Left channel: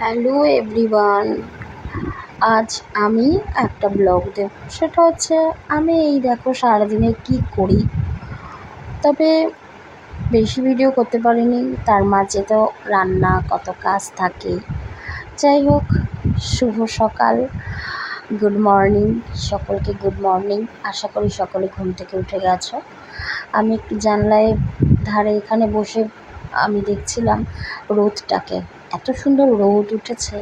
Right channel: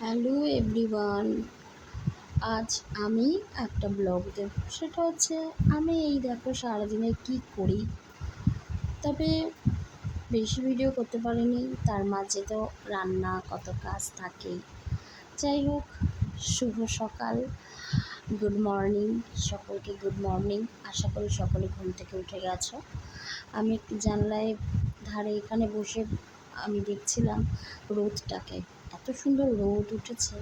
Hello everyone, আজ আমি একটা ব্লগ দেব। সেটা হচ্ছে, আমি এই দেখো সারাদিনে কী করি। তবে বেশি ভিডিও করতে পারিনি, তার মাঝে তো রান্না কত কাজ থাকে। যাই হোক, শুভ সকাল, গুড মর্নিং, সকলকে গুড মর্নিং। আশা করি সকলে ঘুম থেকে উঠে গেছো। আমি একটু জানলায় ধারে এখানে বসে আমি দেখছিলাম রোদটাকে। এত সুন্দর রোদ উঠেছে।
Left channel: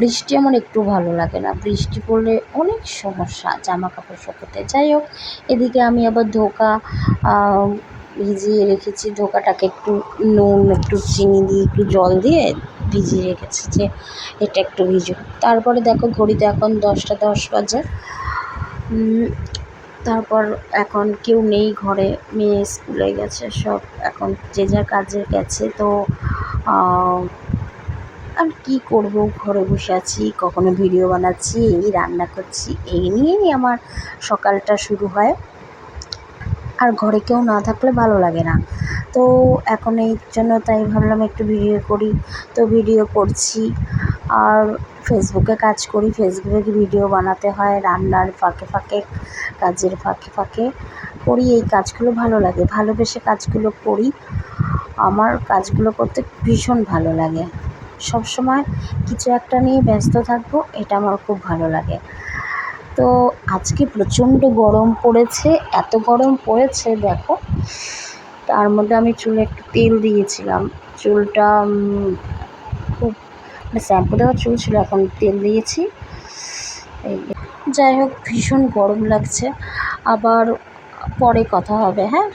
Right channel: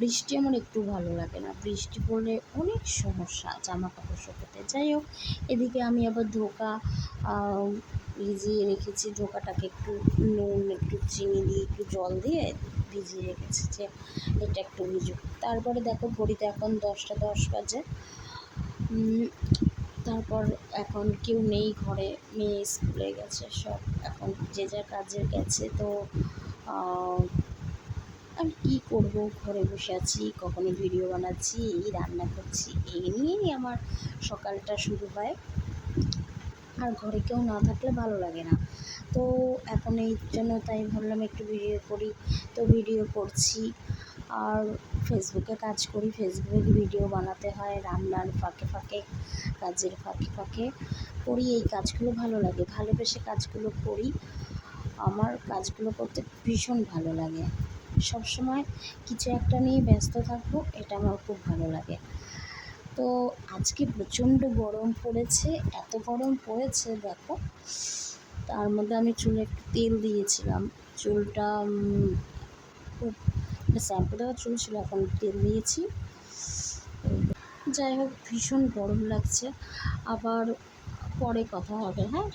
বৃষ্টি আমার একটু ভালো লাগে না। বৃষ্টি পড়লে অনেক সমস্যা জামা কাপড় শুকোতে। যাই হোক, এদিকে আমি আবার ধোকা ভিজিয়ে রেখেছি। ধোকাটাকে একটু নুন, একটু চিনি দিয়ে, একটু জল দিয়ে ভিজিয়ে রেখেছি যে এটা একটু ভিজুক তারপরে দেখো, ঘড়িতে এখন দশটা দশ বাজে। তারপর এখন কেউ নেই ঘরে, মেয়ে স্কুলে গেছে, সব এখন যে যার কাজে গেছে। তো আমি কী করব? ঘরে বসে আছি, কখনো ভিডিও বানাচ্ছি, এই রান্না করছি, এই নিয়েই আমার সকালটা শুরু হয়। আর ঘরে কেউ না থাকলে ভালো লাগে না। তো এখন এই জন্য তাই ভাবলাম একটু ভিডিও করি। তো ভিডিও করছি, আর ফেসবুকে কাজ করি। ফেসবুকে ভিডিও বানাতে হয়, রান্নার ফাঁকে ফাঁকে, কাজের ফাঁকে ফাঁকে করি। এই কাজগুলো ভালো লাগে। ভালোবেসে কাজগুলো করি। আমার কাজগুলো করতে ভীষণ ভালো লাগে। সব সময় কিছু একটা নিয়ে ব্যস্ত থাকব, এটা আমার খুব ভালো লাগে। তো আজকে প্রচণ্ড গরম পড়েছে, এত গরম পড়েছে দেখো। তার মধ্যে আমি চুলে একটু তেল দিয়েছিলাম। চুলটা খুব মানে শ্যাম্পু দেওয়া চুল ছিল, এখন তেল দিয়েছি। এই যাই হোক, ভীষণ গরম লাগছে। আবার পরে কথা হবে হ্যাঁ?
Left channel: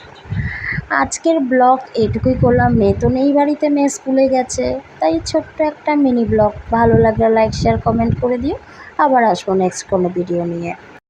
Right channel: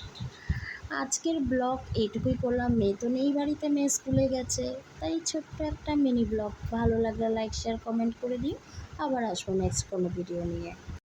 আজকের ব্লগ এইটুকুই করলাম। মেয়ে তো নেই বাড়িতে, মেয়ে স্কুলে গেছে। তাই ছোট্ট একটা মিনি ব্লগ। ভালো লাগলে লাইক শেয়ার কমেন্ট করে দিও। আবার আসব নেক্সট কোনো ভিডিও নিয়ে।